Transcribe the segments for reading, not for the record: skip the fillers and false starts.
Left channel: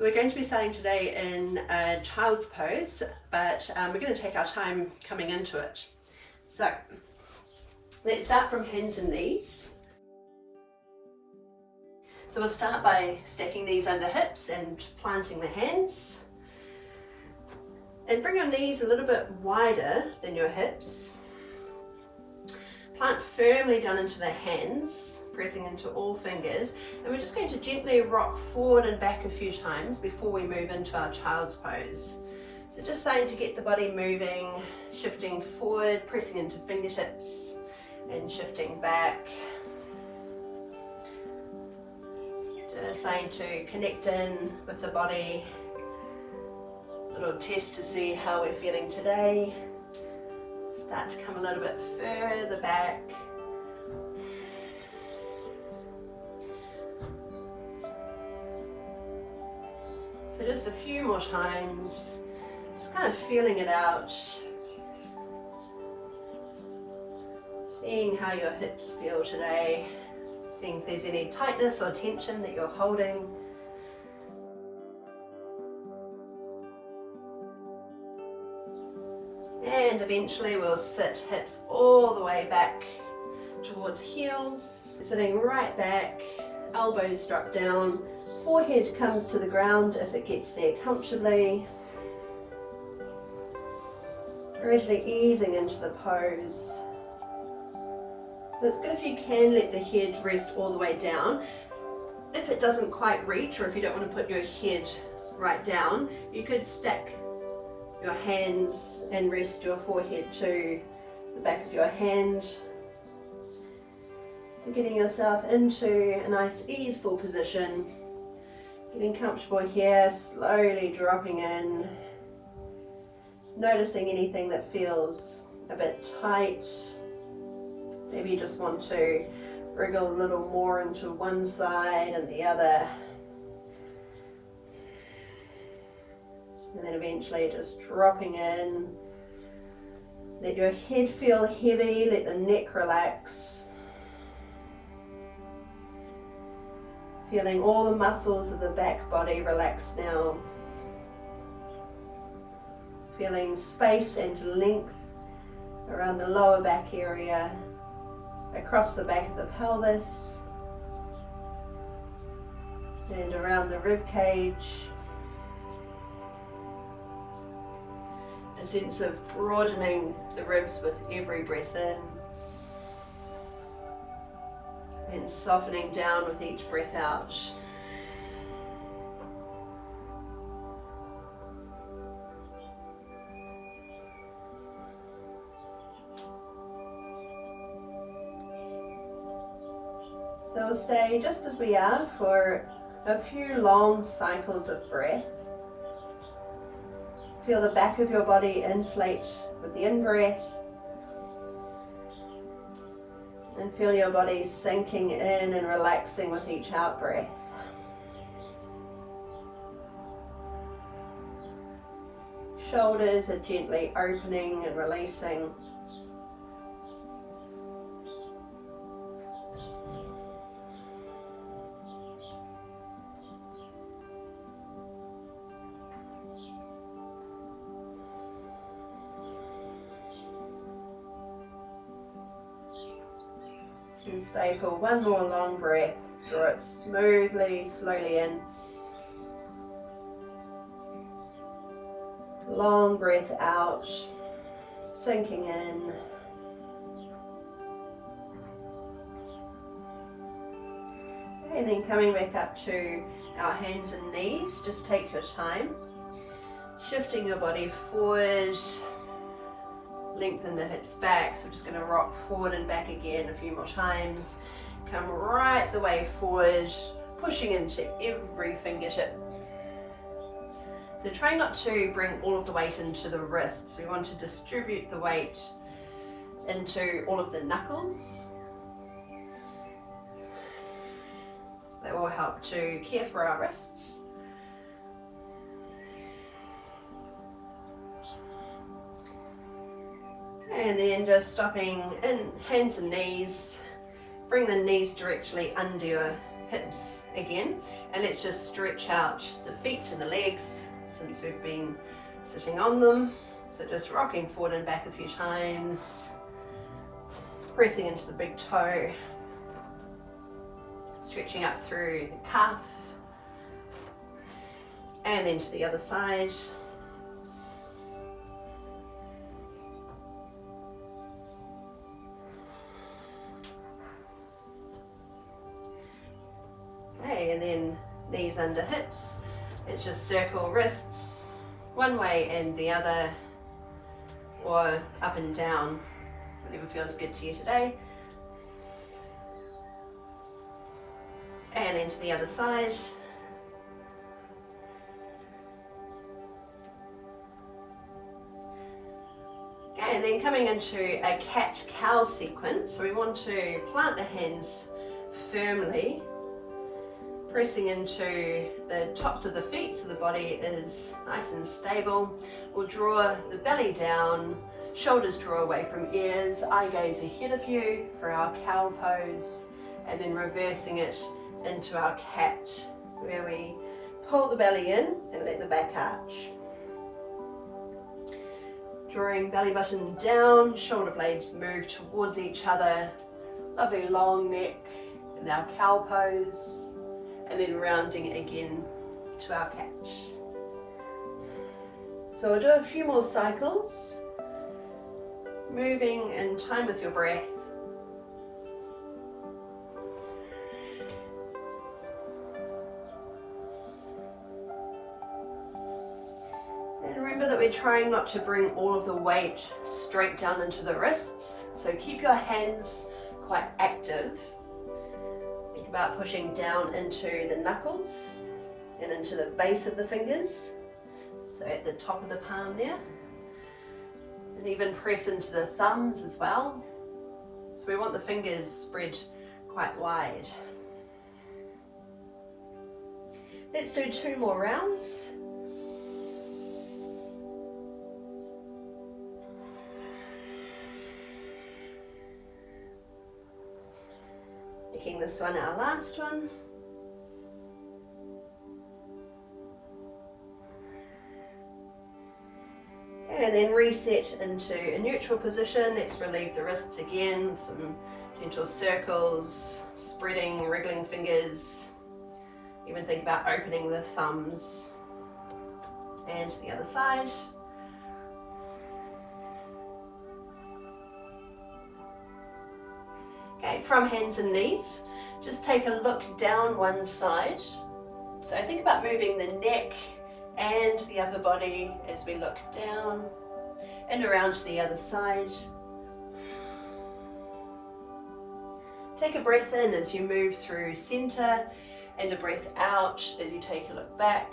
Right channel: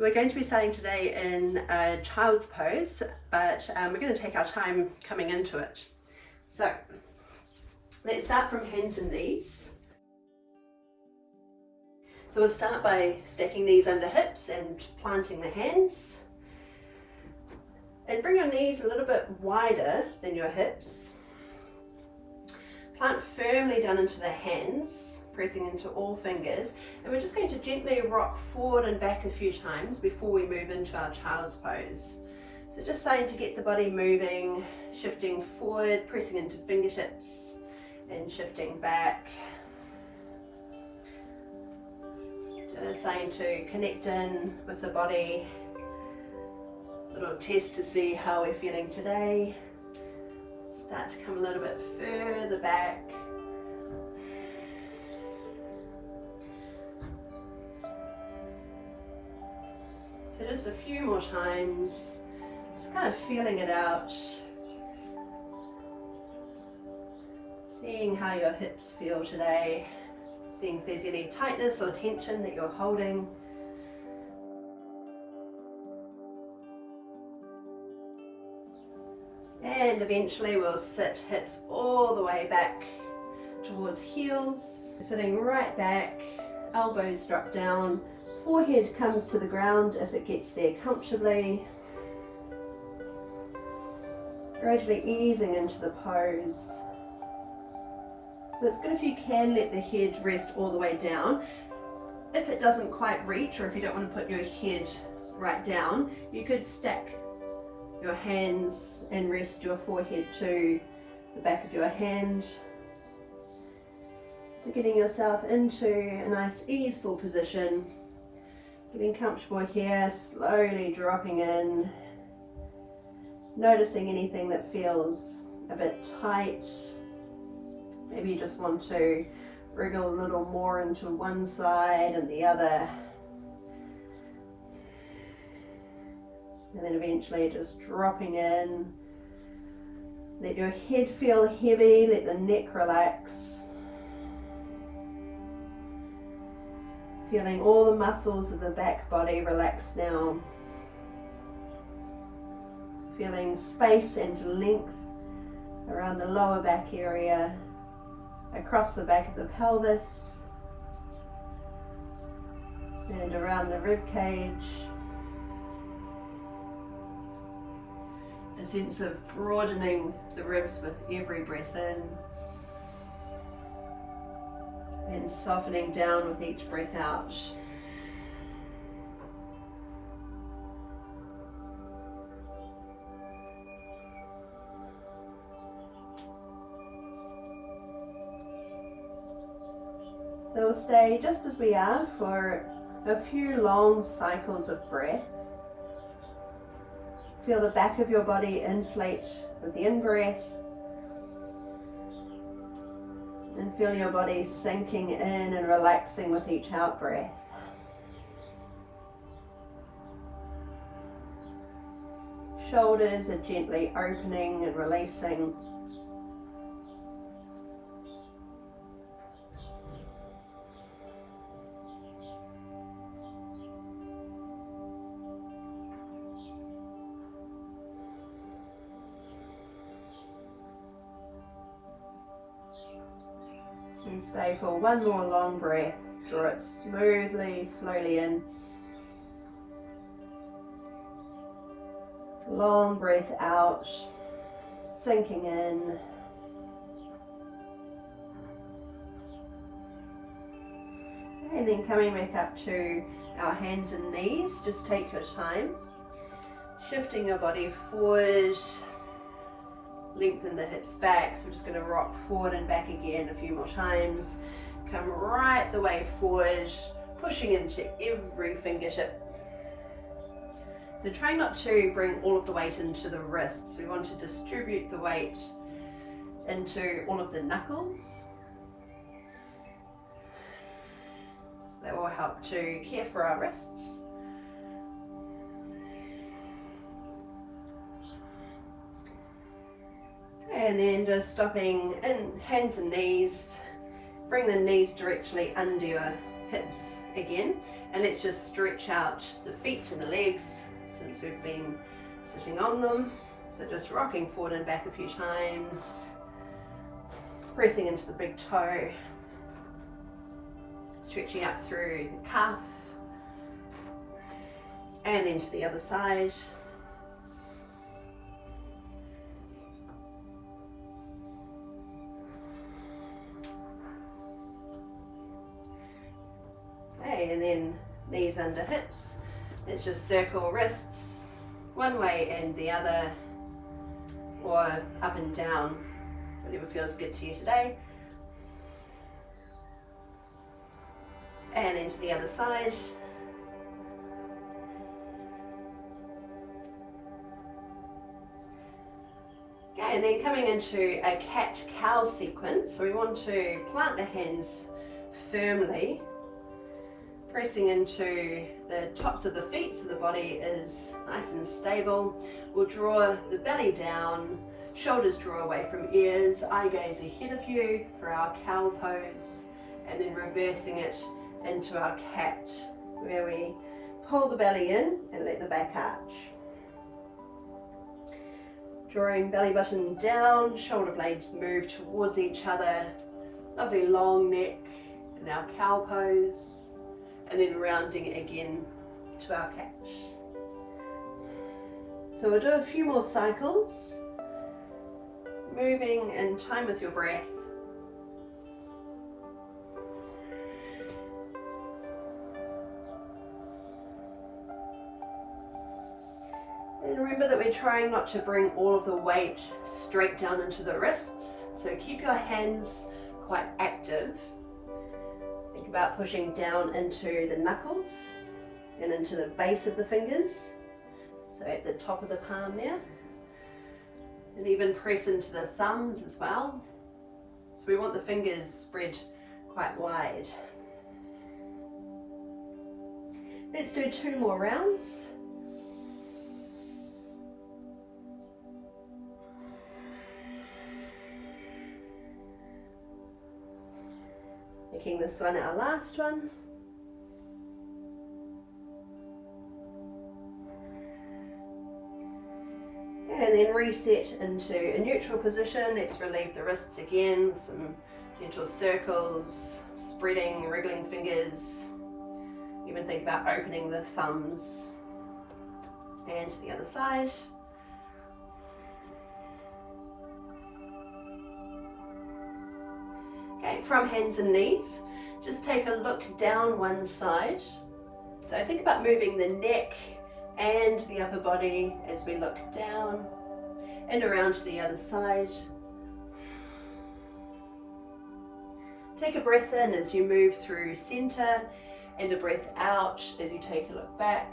We're going to be starting today in a child's pose, but we're going to take our time coming into it. So let's start from hands and knees. So we'll start by stacking these under hips and planting the hands. And bring your knees a little bit wider than your hips. Plant firmly down into the hands, pressing into all fingers, and we're just going to gently rock forward and back a few times before we move into our child's pose. So just starting to get the body moving, shifting forward, pressing into fingertips and shifting back. Just starting to connect in with the body. A little test to see how we're feeling today. Start to come a little bit further back. So just a few more times, just kind of feeling it out. Seeing how your hips feel today. Seeing if there's any tightness or tension that you're holding. And eventually we'll sit hips all the way back towards heels, sitting right back, elbows drop down, forehead comes to the ground if it gets there comfortably. Gradually easing into the pose. So it's good if you can let the head rest all the way down. If it doesn't quite reach, or if you don't want to put your head right down, you could stack your hands and rest your forehead to the back of your hand. So getting yourself into a nice easeful position, getting comfortable here, slowly dropping in, noticing anything that feels a bit tight. Maybe you just want to wriggle a little more into one side and the other. And then eventually just dropping in. Let your head feel heavy, let the neck relax. Feeling all the muscles of the back body relax now. Feeling space and length around the lower back area, across the back of the pelvis, and around the rib cage. A sense of broadening the ribs with every breath in and softening down with each breath out. So we'll stay just as we are for a few long cycles of breath. Feel the back of your body inflate with the in-breath, and feel your body sinking in and relaxing with each out-breath. Shoulders are gently opening and releasing. And stay for one more long breath. Draw it smoothly, slowly in. Long breath out, sinking in. And then coming back up to our hands and knees, just take your time. Shifting your body forward. Lengthen the hips back, so we're just going to rock forward and back again a few more times. Come right the way forward, pushing into every fingertip. So try not to bring all of the weight into the wrists. We want to distribute the weight into all of the knuckles. So that will help to care for our wrists. And then just stopping in hands and knees. Bring the knees directly under your hips again, and let's just stretch out the feet and the legs since we've been sitting on them. So just rocking forward and back a few times, pressing into the big toe, stretching up through the calf, and then to the other side. Okay, and then knees under hips. It's just circle wrists one way and the other, or up and down, whatever feels good to you today. And then to the other side. Okay, and then coming into a cat-cow sequence, so we want to plant the hands firmly, pressing into the tops of the feet so the body is nice and stable. We'll draw the belly down, shoulders draw away from ears, eye gaze ahead of you for our cow pose, and then reversing it into our cat, where we pull the belly in and let the back arch. Drawing belly button down, shoulder blades move towards each other, lovely long neck in our cow pose, and then rounding again to our cat. So we'll do a few more cycles, moving in time with your breath. And remember that we're trying not to bring all of the weight straight down into the wrists, so keep your hands quite active. Think about pushing down into the knuckles and into the base of the fingers, so at the top of the palm there, and even press into the thumbs as well. So we want the fingers spread quite wide. Let's do 2 more rounds. Making this one our last one. And then reset into a neutral position. Let's relieve the wrists again, some gentle circles, spreading, wriggling fingers. Even think about opening the thumbs. And to the other side. Okay, from hands and knees, just take a look down one side. So think about moving the neck and the upper body as we look down and around to the other side. Take a breath in as you move through center and a breath out as you take a look back.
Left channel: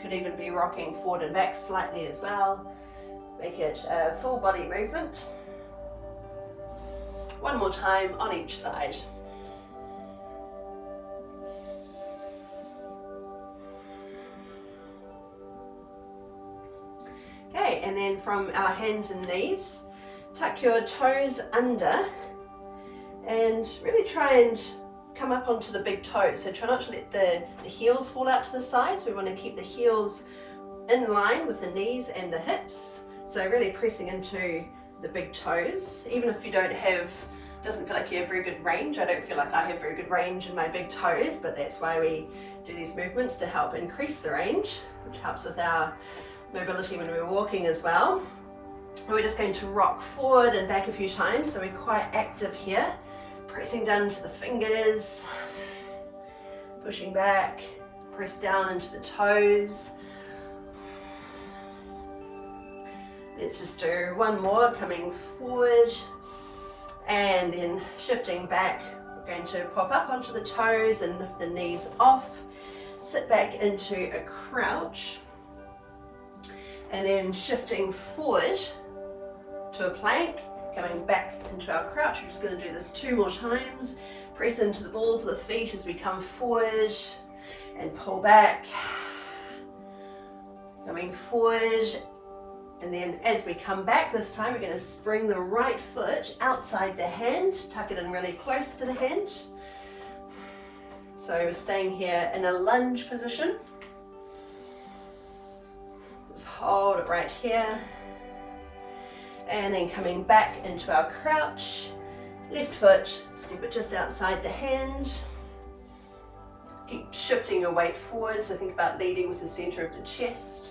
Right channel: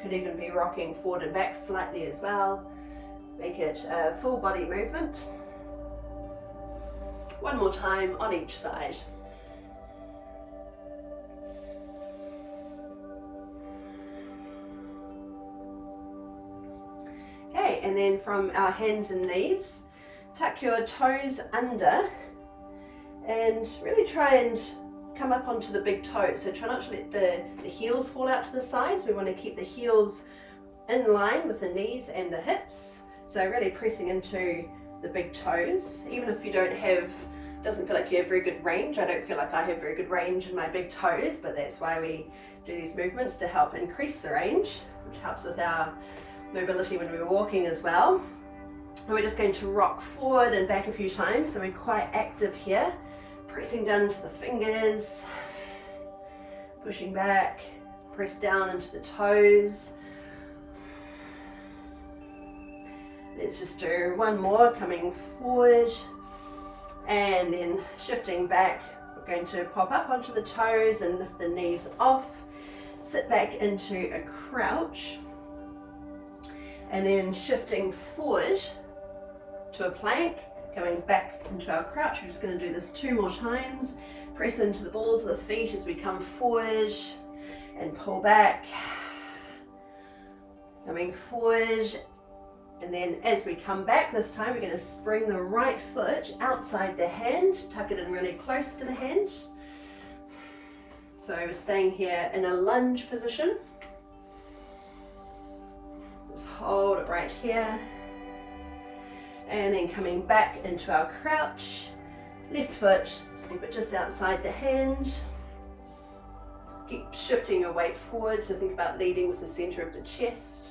Could even be rocking forward and back slightly as well. Make it a full body movement. One more time on each side. Okay, and then from our hands and knees, tuck your toes under and really try and come up onto the big toes. So try not to let the heels fall out to the sides. We want to keep the heels in line with the knees and the hips. So really pressing into the big toes, even if you doesn't feel like you have very good range. I don't feel like I have very good range in my big toes, but that's why we do these movements, to help increase the range, which helps with our mobility when we're walking as well. We're just going to rock forward and back a few times, so we're quite active here, pressing down into the fingers, pushing back, press down into the toes. Let's just do one more, coming forward and then shifting back. We're going to pop up onto the toes and lift the knees off, sit back into a crouch, and then shifting forward to a plank, coming back into our crouch. We're just going to do this 2 more times. Press into the balls of the feet as we come forward and pull back, coming forward. And then as we come back this time, we're going to spring the right foot outside the hand, tuck it in really close to the hand. So staying here in a lunge position. Just hold it right here. And then coming back into our crouch. Left foot, step it just outside the hand. Keep shifting your weight forward, so think about leading with the center of the chest.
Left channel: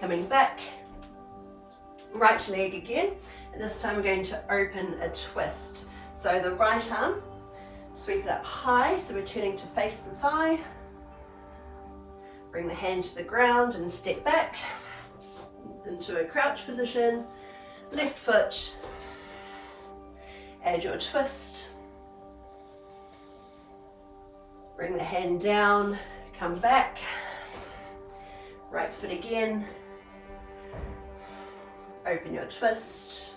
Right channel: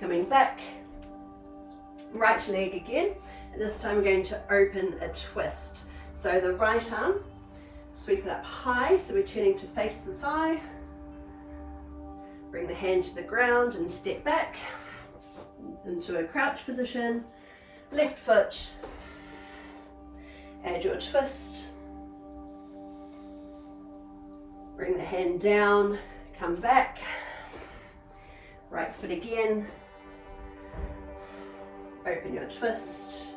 Coming back, right leg again, and this time we're going to open a twist. So the right arm, sweep it up high, so we're turning to face the thigh. Bring the hand to the ground and step back into a crouch position. Left foot, add your twist. Bring the hand down, come back. Right foot again. Open your twist.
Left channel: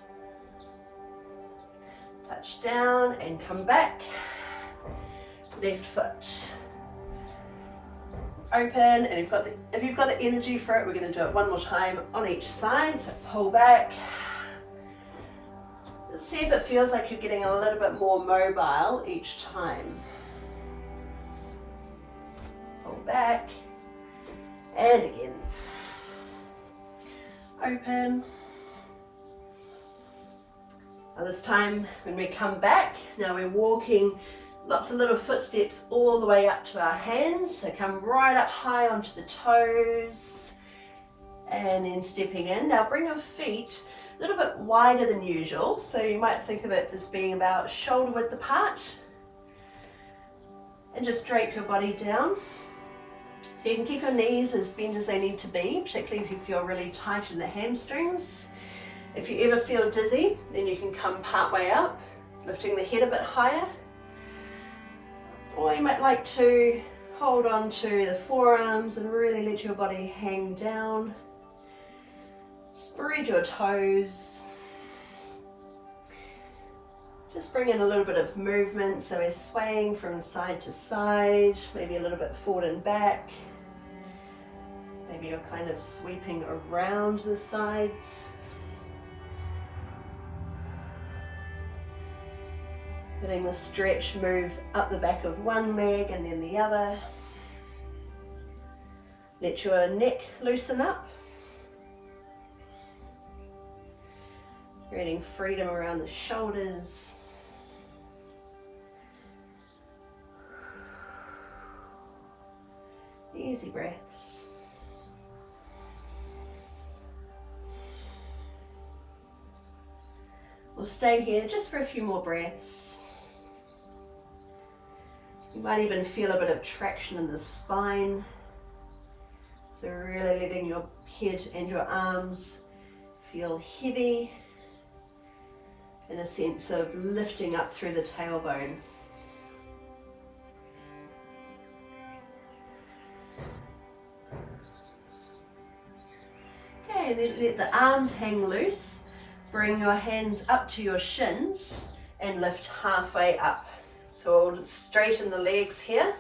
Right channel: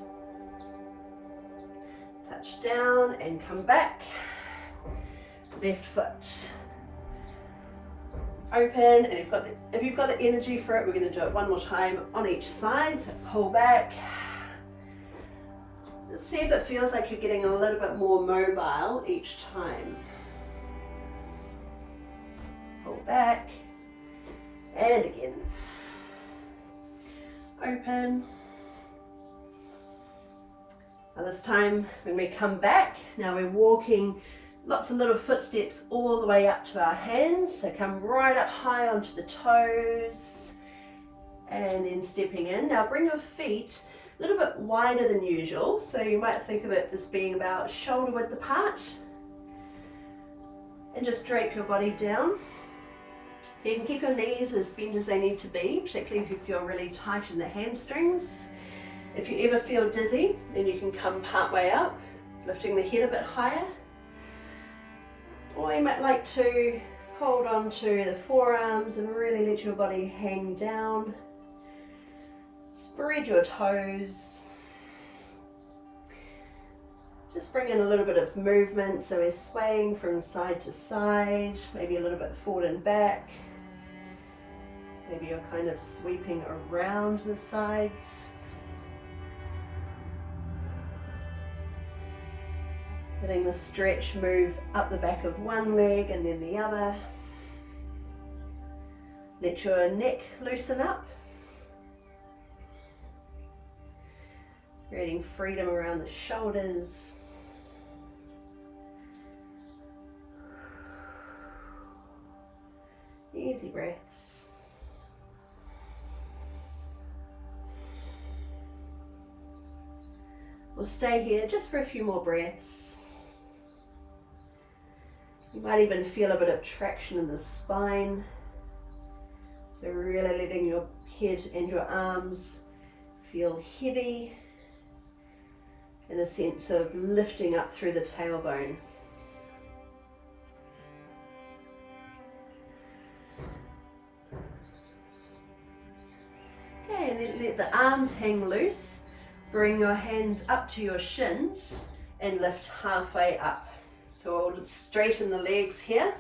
Touch down and come back. Left foot. Open, and if you've got the energy for it, we're going to do it one more time on each side. So pull back. Just see if it feels like you're getting a little bit more mobile each time. Pull back, and again. Open. Now this time when we come back, now we're walking lots of little footsteps all the way up to our hands. So come right up high onto the toes and then stepping in. Now bring your feet a little bit wider than usual. So you might think of it as being about shoulder width apart. And just drape your body down. So you can keep your knees as bent as they need to be, particularly if you feel really tight in the hamstrings. If you ever feel dizzy, then you can come part way up, lifting the head a bit higher. Or you might like to hold on to the forearms and really let your body hang down. Spread your toes. Just bring in a little bit of movement, so we're swaying from side to side, maybe a little bit forward and back. Maybe you're kind of sweeping around the sides. Letting the stretch move up the back of one leg and then the other. Let your neck loosen up. Creating freedom around the shoulders. Easy breaths. We'll stay here just for a few more breaths. You might even feel a bit of traction in the spine. So really letting your head and your arms feel heavy, in a sense of lifting up through the tailbone. Okay, then let the arms hang loose. Bring your hands up to your shins and lift halfway up. So we'll straighten the legs here,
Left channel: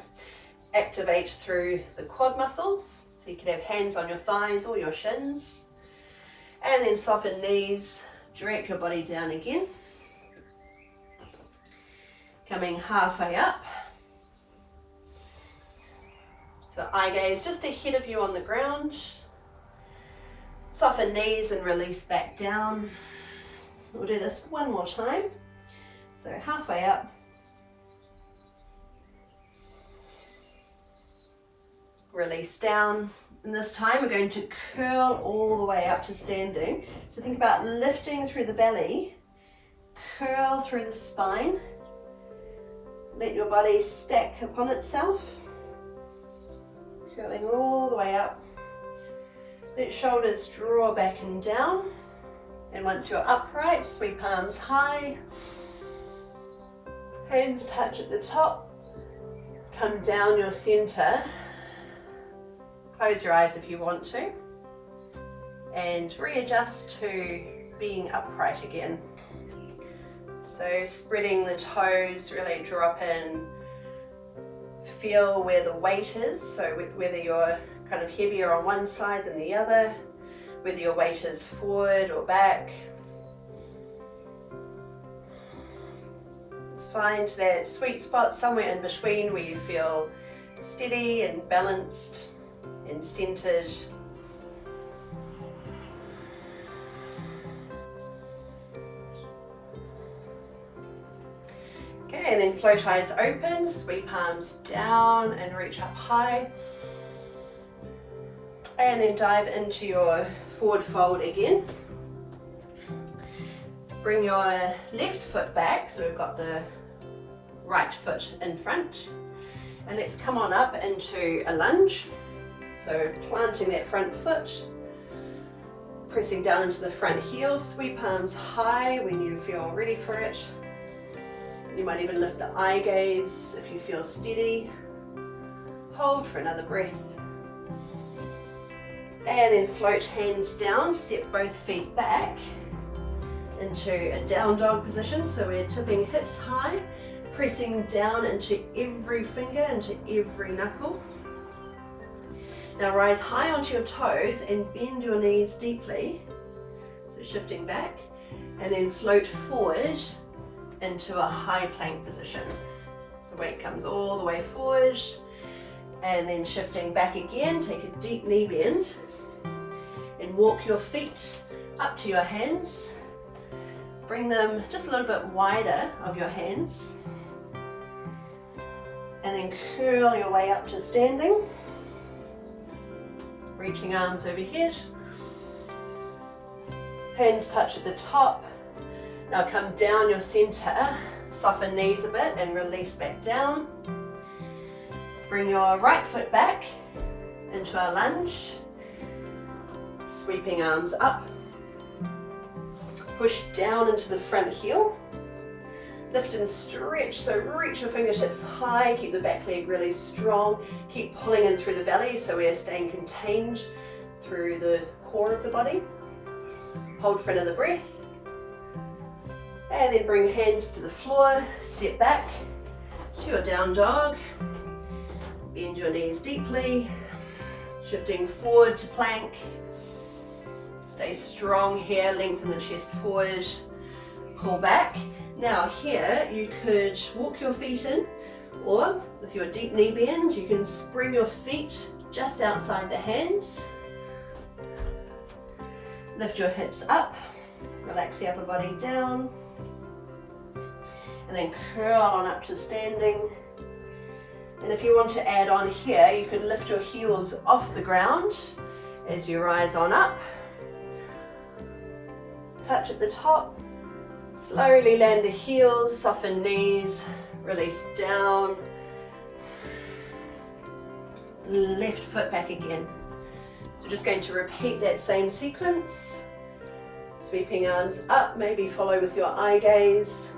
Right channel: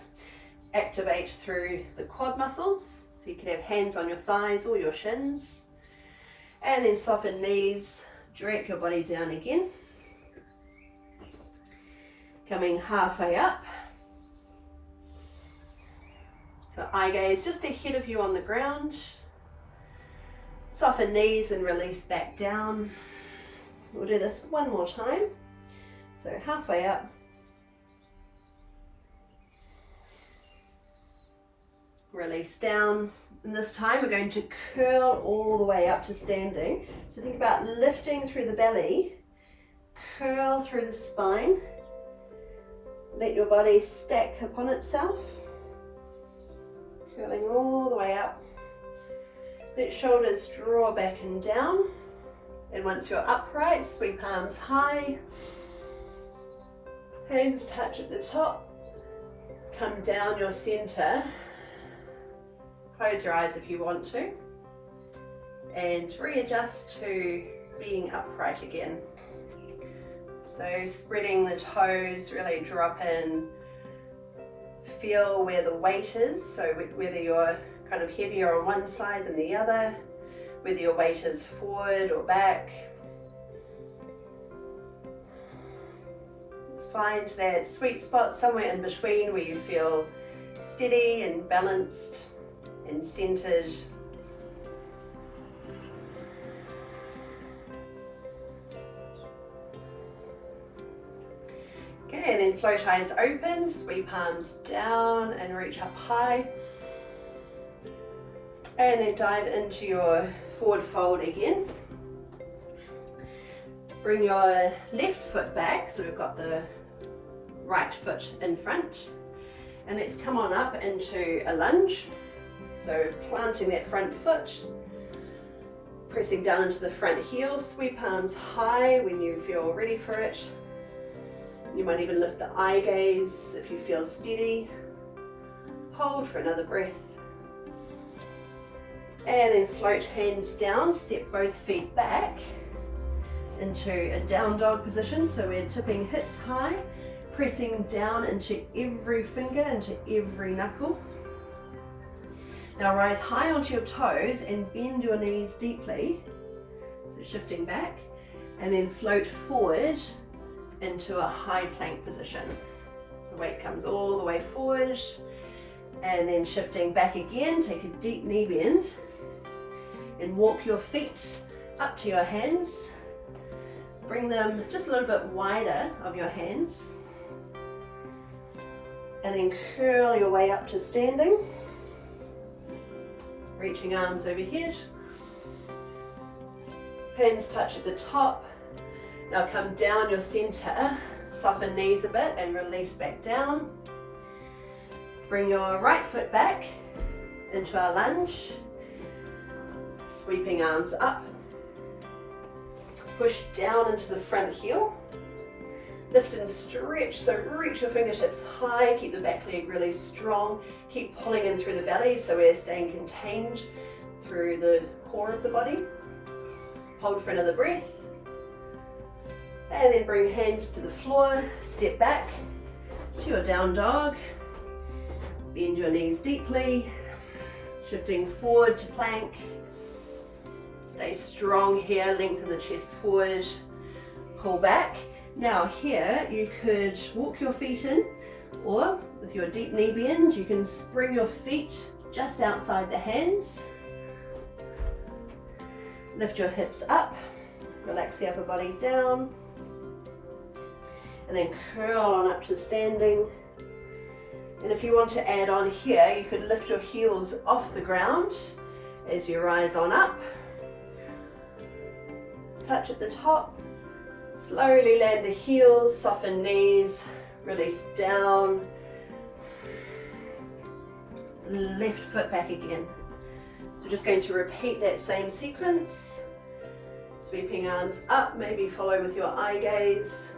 activate through the quad muscles. So you can have hands on your thighs or your shins. And then soften knees, drape your body down again. Coming halfway up. So eye gaze just ahead of you on the ground. Soften knees and release back down. We'll do this one more time. So halfway up. Release down. And this time we're going to curl all the way up to standing. So think about lifting through the belly, curl through the spine. Let your body stack upon itself. Curling all the way up. Let shoulders draw back and down. And once you're upright, sweep arms high. Hands touch at the top. Come down your center. Close your eyes if you want to. And readjust to being upright again. So spreading the toes, really drop in. Feel where the weight is, so whether you're kind of heavier on one side than the other, whether your weight is forward or back. Just find that sweet spot somewhere in between where you feel steady and balanced and centered. Okay, and then float eyes open, sweep palms down and reach up high. And then dive into your forward fold again. Bring your left foot back, so we've got the right foot in front. And let's come on up into a lunge. So planting that front foot, pressing down into the front heel, sweep palms high when you feel ready for it. You might even lift the eye gaze if you feel steady. Hold for another breath. And then float hands down, step both feet back into a down dog position. So we're tipping hips high, pressing down into every finger, into every knuckle. Now rise high onto your toes and bend your knees deeply. So shifting back, and then float forward into a high plank position. So weight comes all the way forward, and then shifting back again, take a deep knee bend and walk your feet up to your hands. Bring them just a little bit wider of your hands, and then curl your way up to standing. Reaching arms overhead. Hands touch at the top. Now come down your center, soften knees a bit and release back down. Bring your right foot back into our lunge. Sweeping arms up. Push down into the front heel. Lift and stretch, so reach your fingertips high, keep the back leg really strong, keep pulling in through the belly so we're staying contained through the core of the body. Hold for another breath. And then bring hands to the floor, step back to your down dog. Bend your knees deeply, shifting forward to plank. Stay strong here, lengthen the chest forward, pull back. Now here you could walk your feet in, or with your deep knee bend you can spring your feet just outside the hands. Lift your hips up, relax the upper body down, and then curl on up to standing. And if you want to add on here, you could lift your heels off the ground as you rise on up. Touch at the top. Slowly land the heels, soften knees, release down. Left foot back again. So just going to repeat that same sequence. Sweeping arms up, maybe follow with your eye gaze.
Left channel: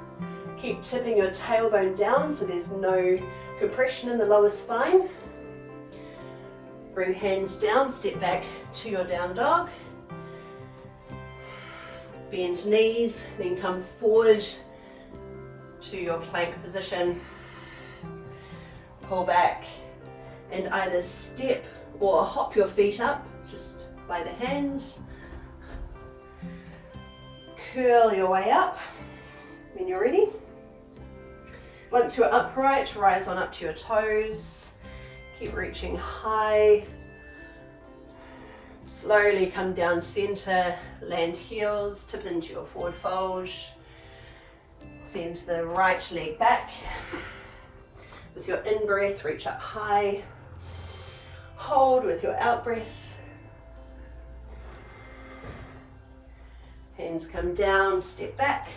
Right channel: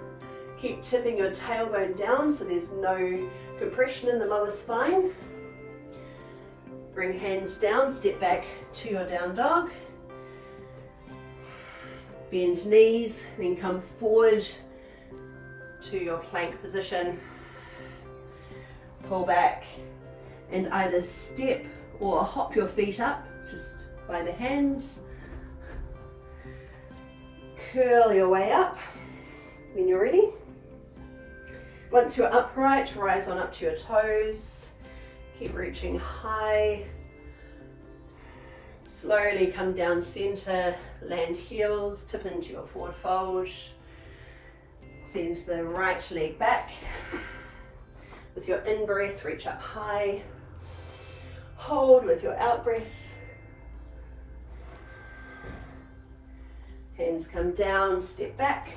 Keep tipping your tailbone down so there's no compression in the lower spine. Bring hands down, step back to your down dog. Bend knees, then come forward to your plank position. Pull back and either step or hop your feet up just by the hands. Curl your way up when you're ready. Once you're upright, rise on up to your toes. Keep reaching high. Slowly come down center, land heels, tip into your forward fold. Send the right leg back. With your in-breath, reach up high. Hold with your out-breath. Hands come down, step back.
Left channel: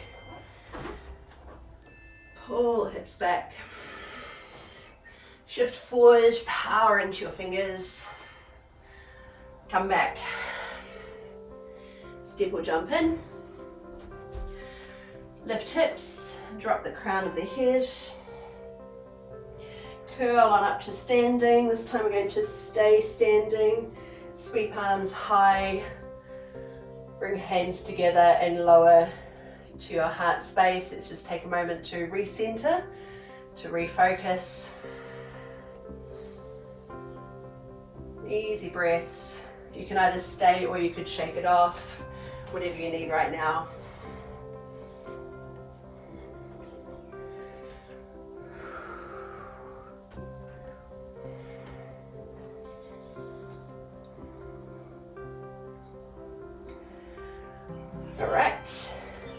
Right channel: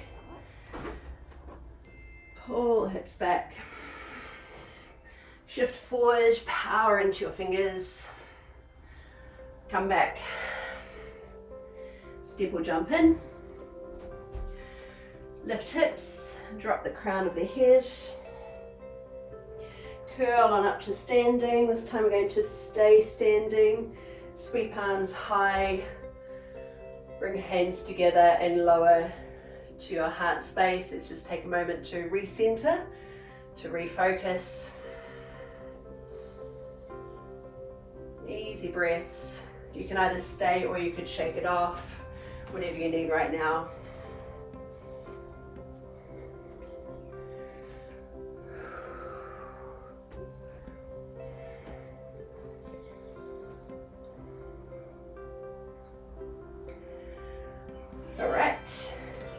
Pull the hips back. Shift forward, power into your fingers. Come back. Step or jump in. Lift hips, drop the crown of the head. Curl on up to standing. This time we're going to stay standing. Sweep arms high. Bring hands together and lower to your heart space. Let's just take a moment to recenter, to refocus. Easy breaths. You can either stay or you could shake it off, whatever you need right now.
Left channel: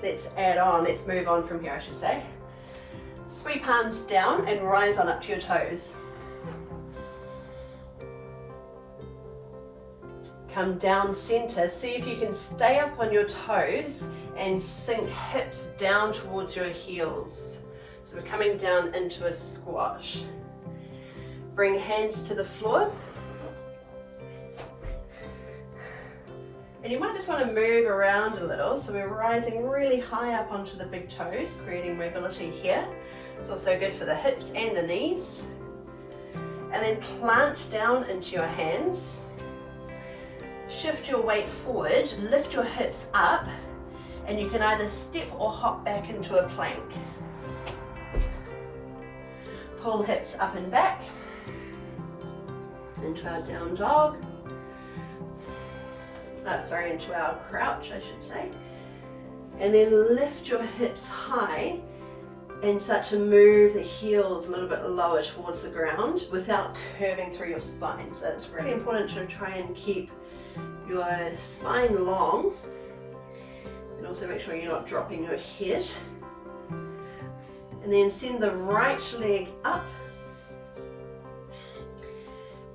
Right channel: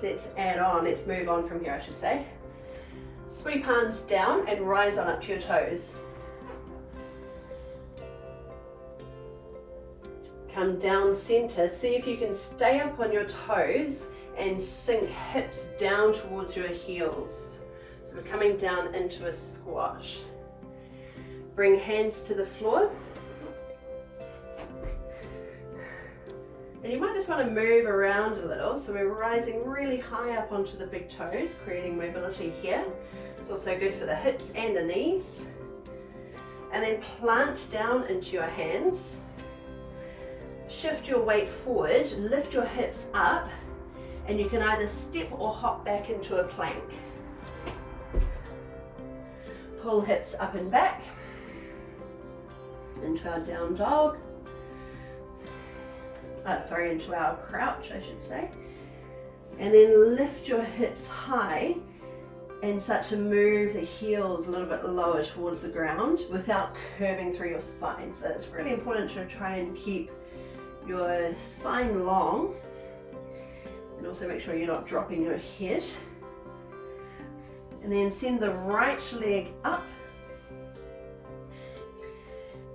let's move on from here, I should say. Sweep palms down and rise on up to your toes. Come down center, see if you can stay up on your toes and sink hips down towards your heels. So we're coming down into a squat. Bring hands to the floor. And you might just want to move around a little. So we're rising really high up onto the big toes, creating mobility here. It's also good for the hips and the knees. And then plant down into your hands. Shift your weight forward, lift your hips up, and you can either step or hop back into a plank. Pull hips up and back into our down dog. Into our crouch, I should say. And then lift your hips high and start to move the heels a little bit lower towards the ground without curving through your spine. So it's really important to try and keep your spine long, and also make sure you're not dropping your head. And then send the right leg up,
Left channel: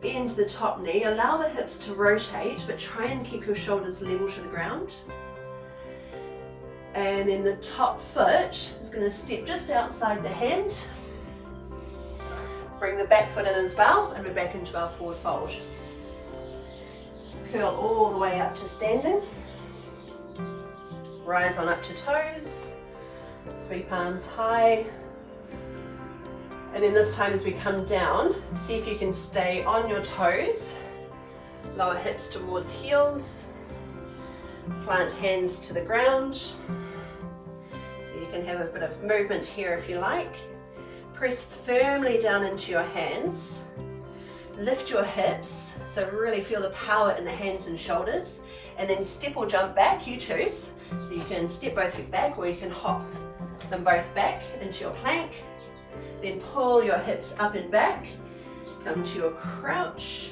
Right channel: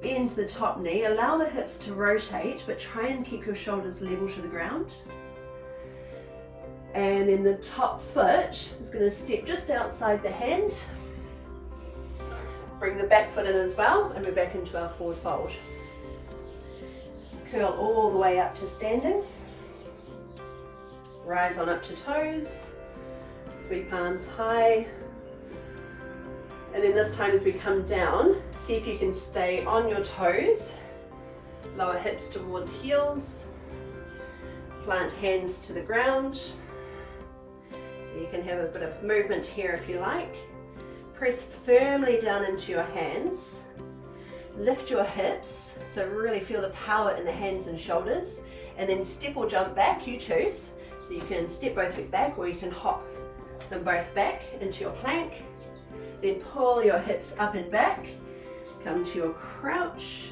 bend the top knee, allow the hips to rotate, but try and keep your shoulders level to the ground. And then the top foot is going to step just outside the hand. Bring the back foot in as well, and we're back into our forward fold. Curl all the way up to standing. Rise on up to toes. Sweep palms high. And then this time as we come down, see if you can stay on your toes. Lower hips towards heels. Plant hands to the ground. So you can have a bit of movement here if you like. Press firmly down into your hands. Lift your hips, so really feel the power in the hands and shoulders, and then step or jump back, you choose. So you can step both feet back, or you can hop them both back into your plank. Then pull your hips up and back, come to your crouch.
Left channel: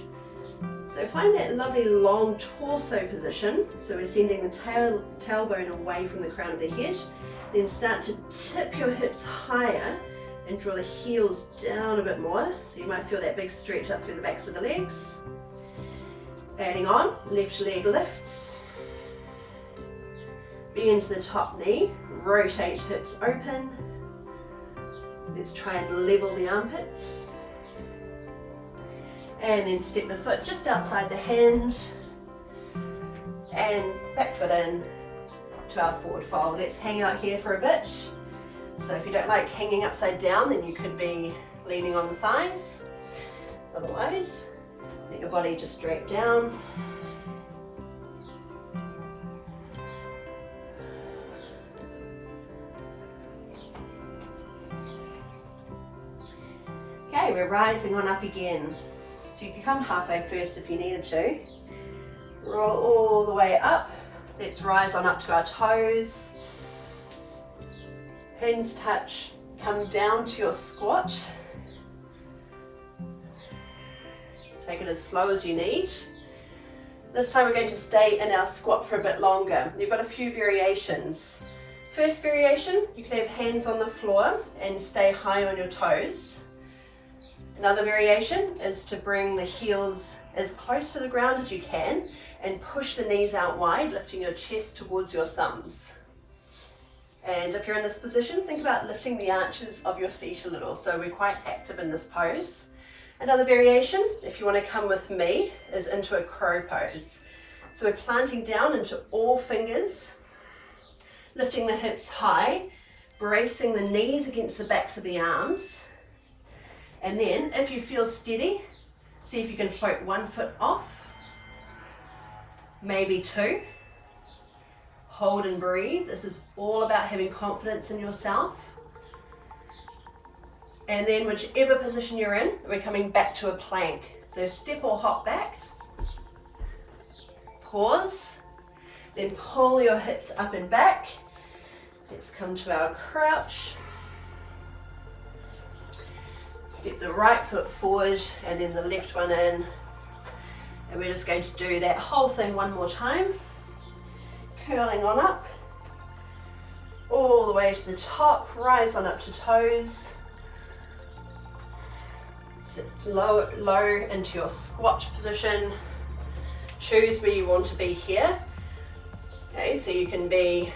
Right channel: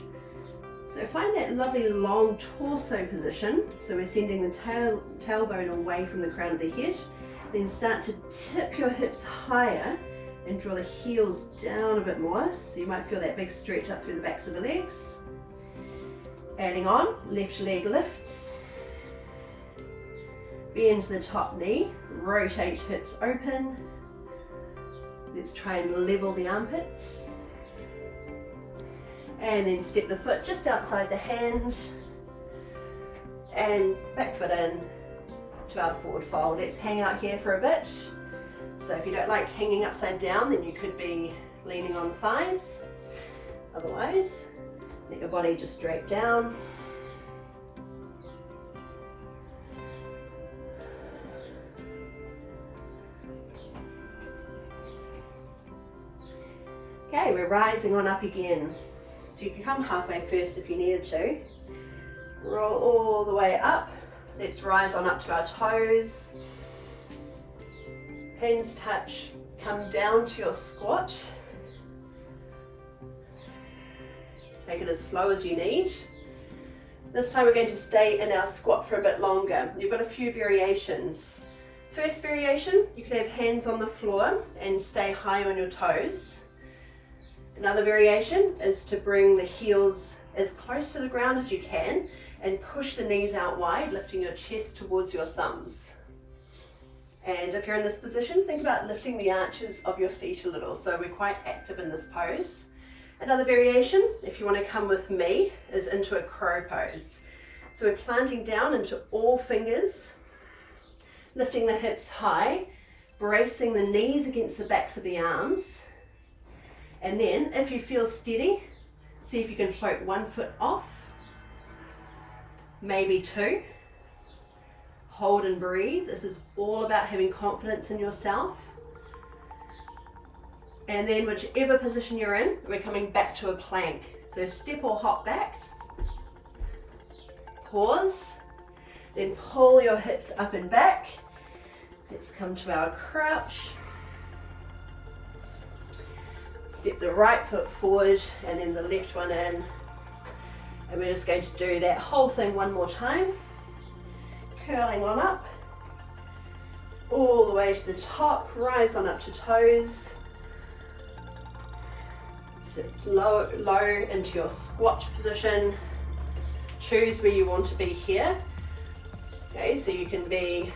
So find that lovely long torso position. So we're sending the tailbone away from the crown of the head. Then start to tip your hips higher and draw the heels down a bit more. So you might feel that big stretch up through the backs of the legs. Adding on, left leg lifts. Bend the top knee, rotate hips open. Let's try and level the armpits. And then step the foot just outside the hand. And back foot in to our forward fold. Let's hang out here for a bit. So if you don't like hanging upside down, then you could be leaning on the thighs. Otherwise, let your body just drape down. Okay, we're rising on up again. So you can come halfway first if you needed to. Roll all the way up. Let's rise on up to our toes. Hands touch, come down to your squat. Take it as slow as you need. This time we're going to stay in our squat for a bit longer. You've got a few variations. First variation, you can have hands on the floor and stay high on your toes. Another variation is to bring the heels as close to the ground as you can and push the knees out wide, lifting your chest towards your thumbs. And if you're in this position, think about lifting the arches of your feet a little. So we're quite active in this pose. Another variation, if you want to come with me, is into a crow pose. So we're planting down into all fingers, lifting the hips high, bracing the knees against the backs of the arms. And then, if you feel steady, see if you can float one foot off, maybe two. Hold and breathe. This is all about having confidence in yourself. And then whichever position you're in, we're coming back to a plank. So step or hop back. Pause. Then pull your hips up and back. Let's come to our crouch. Step the right foot forward and then the left one in. And we're just going to do that whole thing one more time. Curling on up. all the way to the top, rise on up to toes. Sit low into your squat position. Choose where you want to be here. Okay, so you can be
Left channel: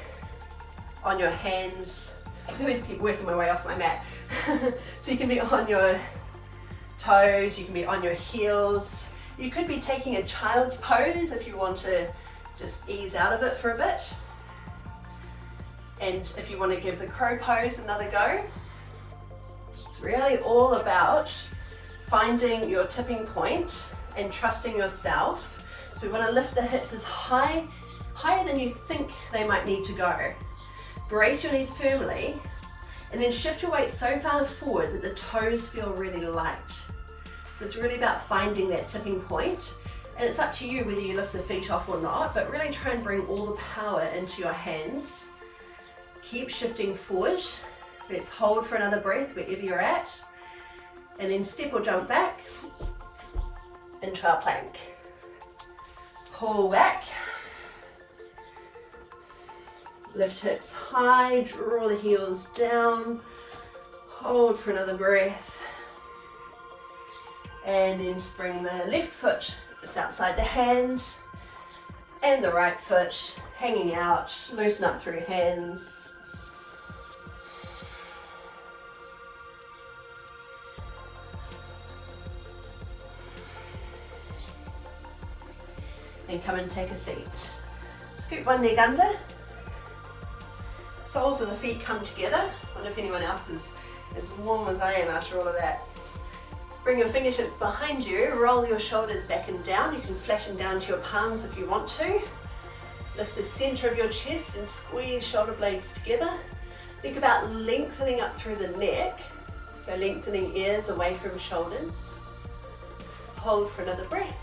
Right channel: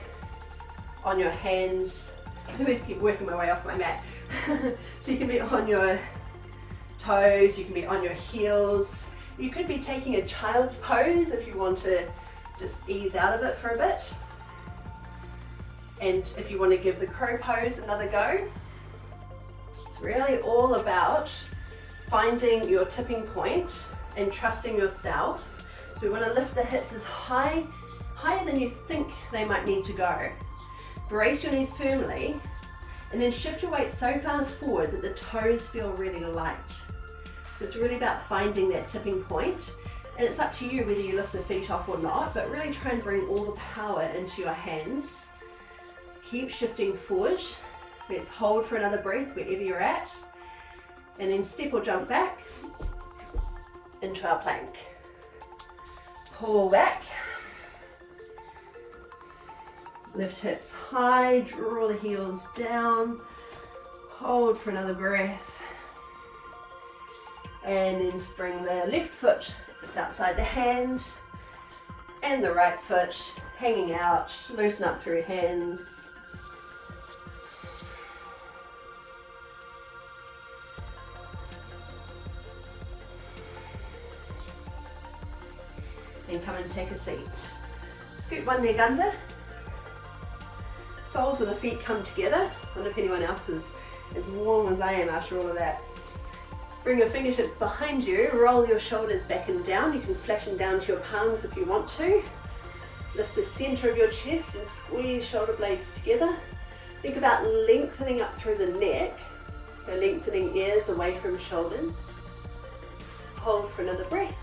on your hands. I always keep working my way off my mat. So you can be on your toes, you can be on your heels. You could be taking a child's pose if you want to just ease out of it for a bit. And if you want to give the crow pose another go. It's really all about finding your tipping point and trusting yourself. So we want to lift the hips as higher than you think they might need to go. Brace your knees firmly and then shift your weight so far forward that the toes feel really light. So it's really about finding that tipping point, and it's up to you whether you lift the feet off or not, but really try and bring all the power into your hands. Keep shifting forward. Let's hold for another breath wherever you're at, and then step or jump back into our plank. Pull back. Lift hips high, draw the heels down, hold for another breath, and then bring the left foot just outside the hand, and the right foot hanging out, loosen up through hands. Then come and take a seat. Scoot one leg under. Soles of the feet come together. I wonder if anyone else is as warm as I am after all of that. Bring your fingertips behind you, roll your shoulders back and down. You can flatten down to your palms if you want to. Lift the center of your chest and squeeze shoulder blades together. Think about lengthening up through the neck, so lengthening ears away from shoulders. Hold for another breath.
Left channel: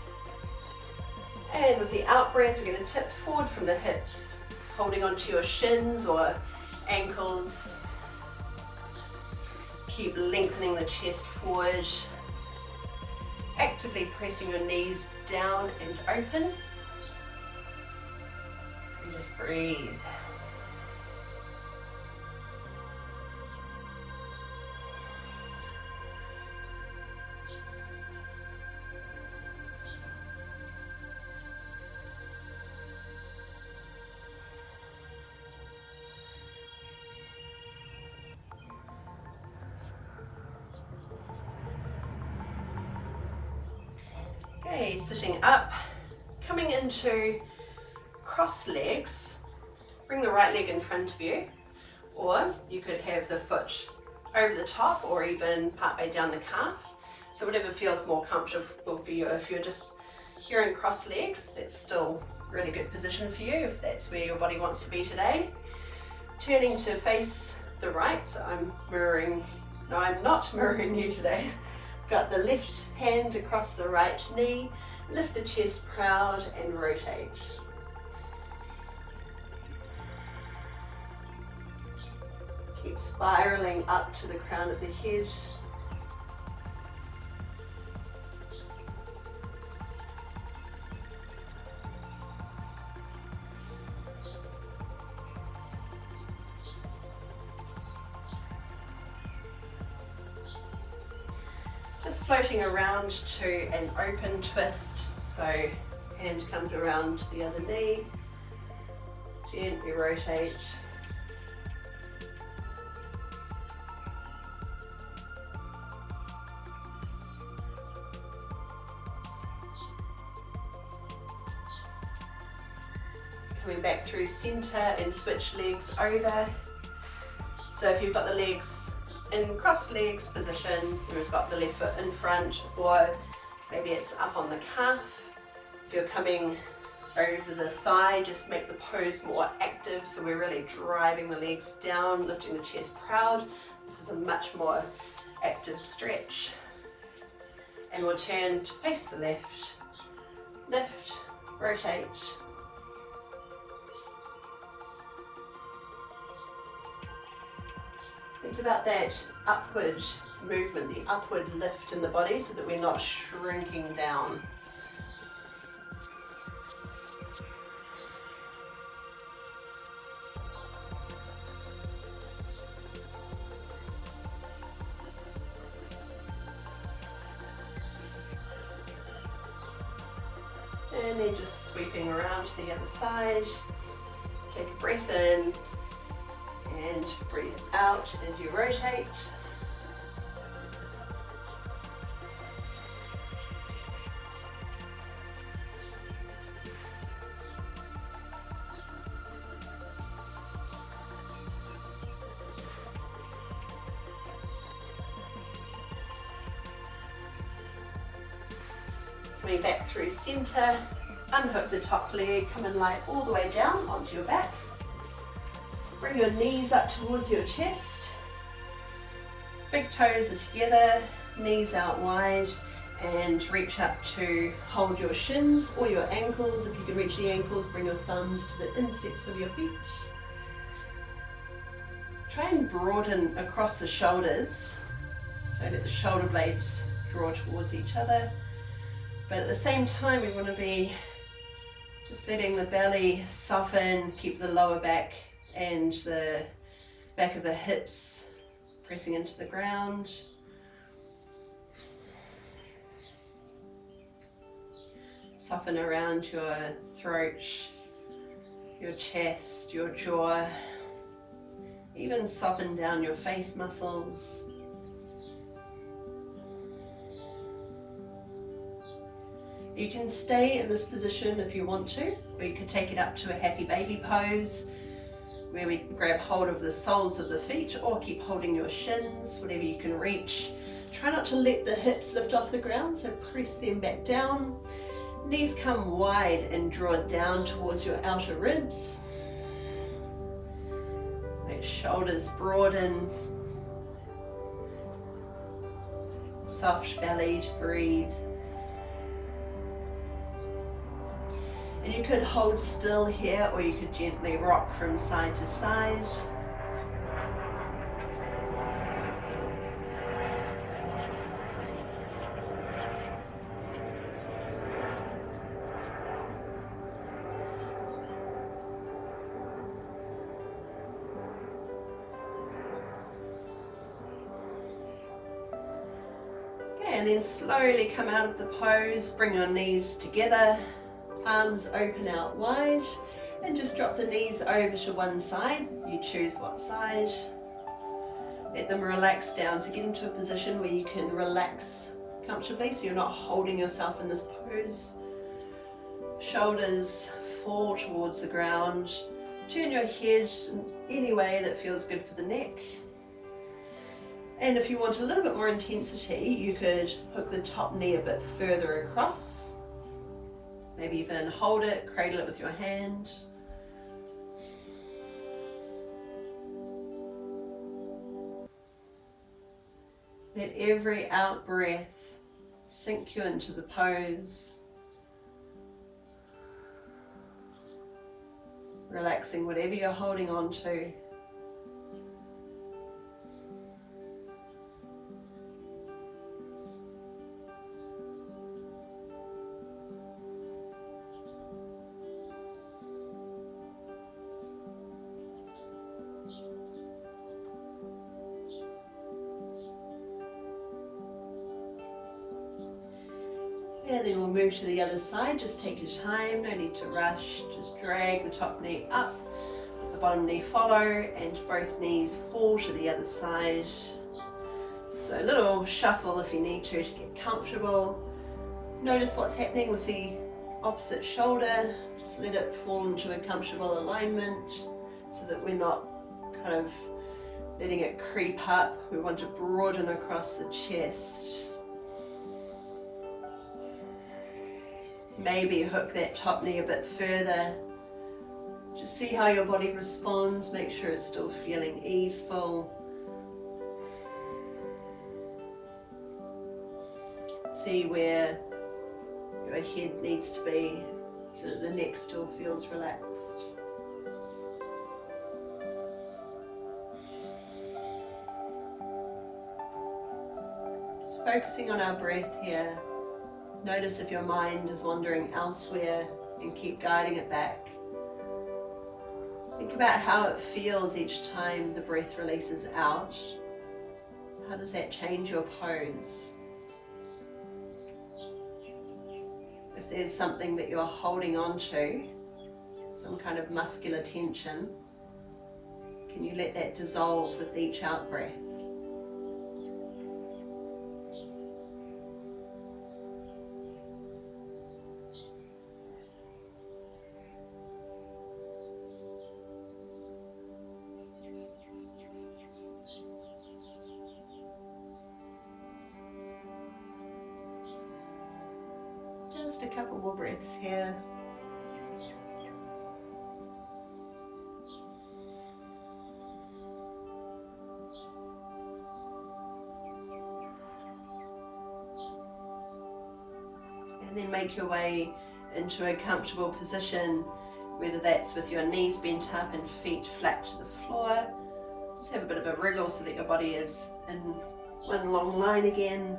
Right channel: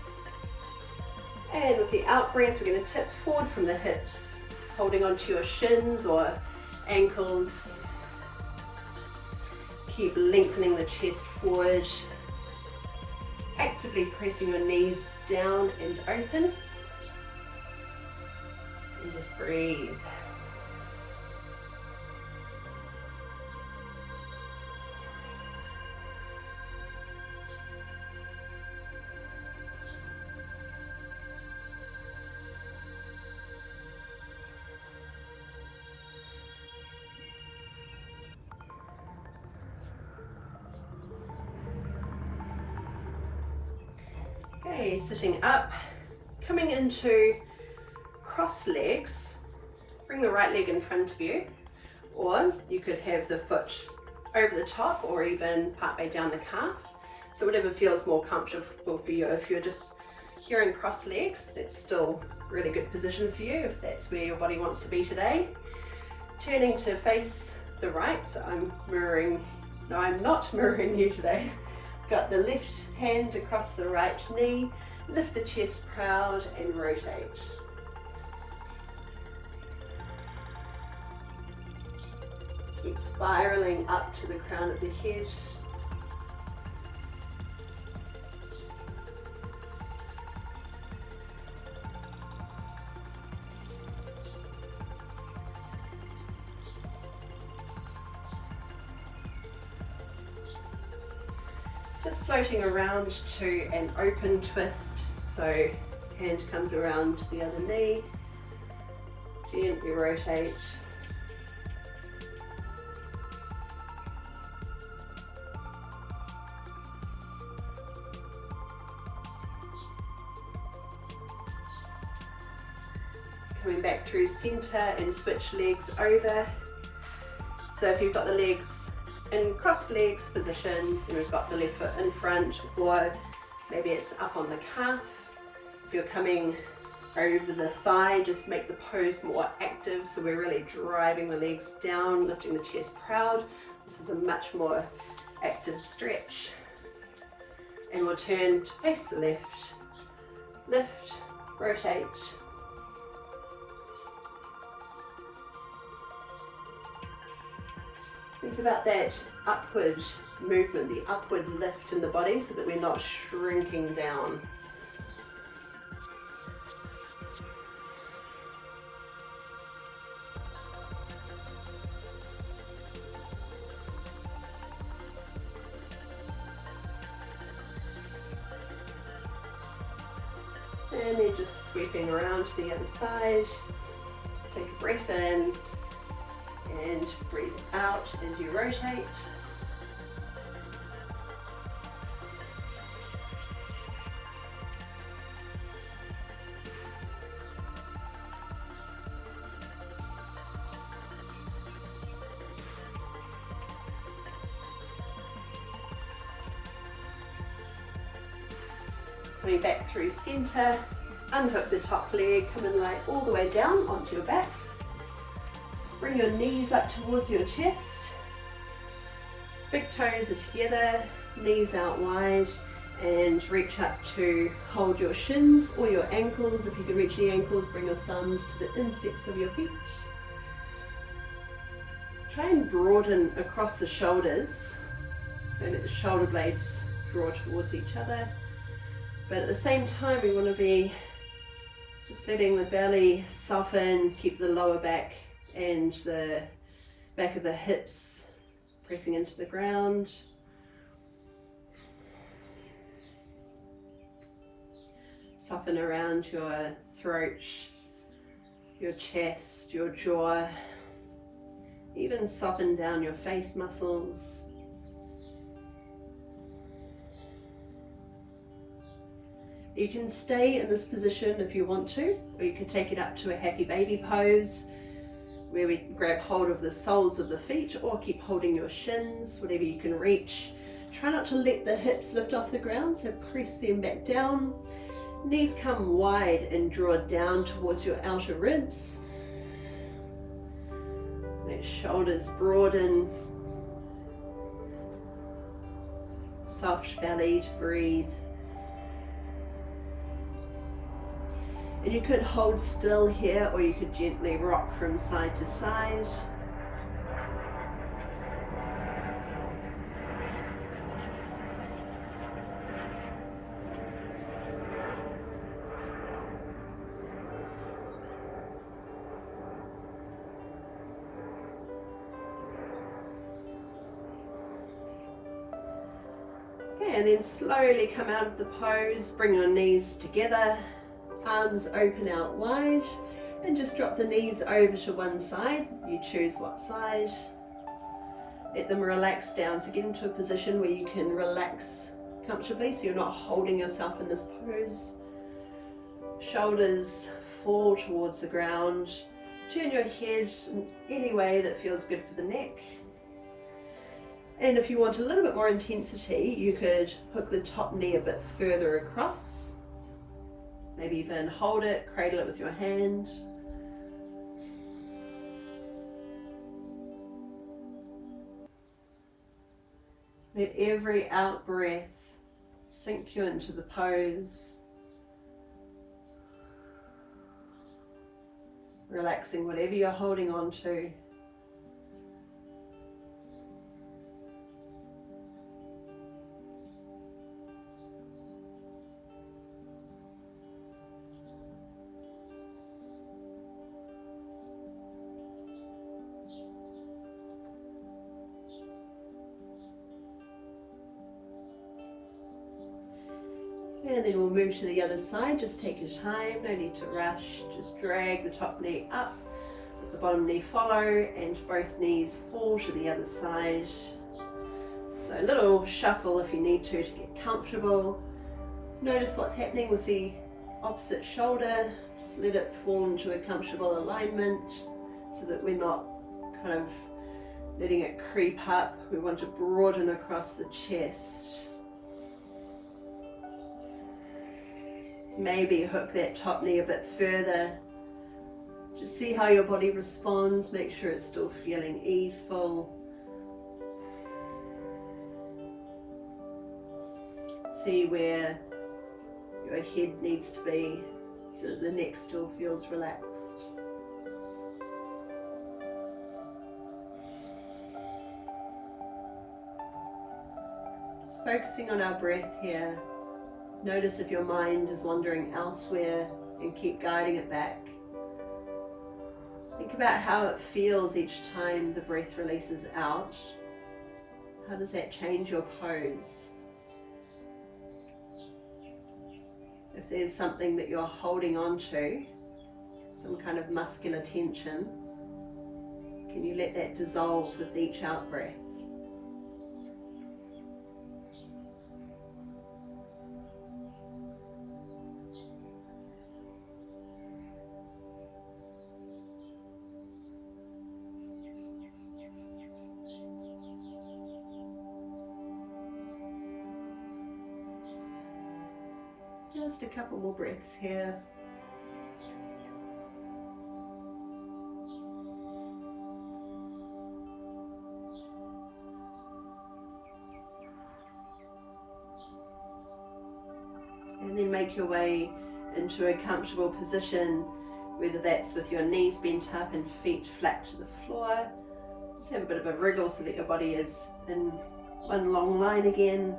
And with the out breath, we're going to tip forward from the hips, holding onto your shins or ankles. Keep lengthening the chest forward. Actively pressing your knees down and open. And just breathe. Okay, sitting up, coming into cross legs. Bring the right leg in front of you, or you could have the foot over the top or even partway down the calf. So whatever feels more comfortable for you. If you're just here in cross legs, that's still a really good position for you if that's where your body wants to be today. Turning to face the right, so I'm not mirroring you today. Got the left hand across the right knee, lift the chest proud and rotate. Keep spiraling up to the crown of the head. Just floating around to an open twist, so hand comes around to the other knee, gently rotate. Coming back through center and switch legs over. So if you've got the legs in crossed legs position, and we've got the left foot in front, or maybe it's up on the calf. If you're coming over the thigh, just make the pose more active, so we're really driving the legs down, lifting the chest proud. This is a much more active stretch. And we'll turn to face the left. Lift, rotate. Think about that upward movement, the upward lift in the body, so that we're not shrinking down. And then just sweeping around to the other side. Take a breath in and breathe out as you rotate. Coming back through center, unhook the top leg, come and lie all the way down onto your back. Bring your knees up towards your chest. Big toes are together, knees out wide, and reach up to hold your shins or your ankles. If you can reach the ankles, bring your thumbs to the insteps of your feet. Try and broaden across the shoulders, so that the shoulder blades draw towards each other. But at the same time, we want to be just letting the belly soften, keep the lower back and the back of the hips pressing into the ground. Soften around your throat, your chest, your jaw. Even soften down your face muscles. You can stay in this position if you want to, or you can take it up to a happy baby pose, where we grab hold of the soles of the feet, or keep holding your shins, whatever you can reach. Try not to let the hips lift off the ground, so press them back down. Knees come wide and draw down towards your outer ribs. Let shoulders broaden. Soft belly to breathe. And you could hold still here, or you could gently rock from side to side. Okay, and then slowly come out of the pose, bring your knees together. Arms open out wide, and just drop the knees over to one side. You choose what side. Let them relax down. So get into a position where you can relax comfortably, so you're not holding yourself in this pose. Shoulders fall towards the ground. Turn your head in any way that feels good for the neck. And if you want a little bit more intensity, you could hook the top knee a bit further across. Maybe even hold it, cradle it with your hand. Let every out breath sink you into the pose. Relaxing whatever you're holding on to. And then we'll move to the other side. Just take your time, no need to rush. Just drag the top knee up, the bottom knee follow, and both knees fall to the other side. So a little shuffle if you need to get comfortable. Notice what's happening with the opposite shoulder. Just let it fall into a comfortable alignment so that we're not kind of letting it creep up. We want to broaden across the chest. Maybe hook that top knee a bit further. Just see how your body responds. Make sure it's still feeling easeful. See where your head needs to be so that the neck still feels relaxed. Just focusing on our breath here. Notice if your mind is wandering elsewhere and keep guiding it back. Think about how it feels each time the breath releases out. How does that change your pose? If there's something that you're holding on to, some kind of muscular tension, can you let that dissolve with each out breath? Just a couple more breaths here. And then make your way into a comfortable position, whether that's with your knees bent up and feet flat to the floor. Just have a bit of a wriggle so that your body is in one long line again,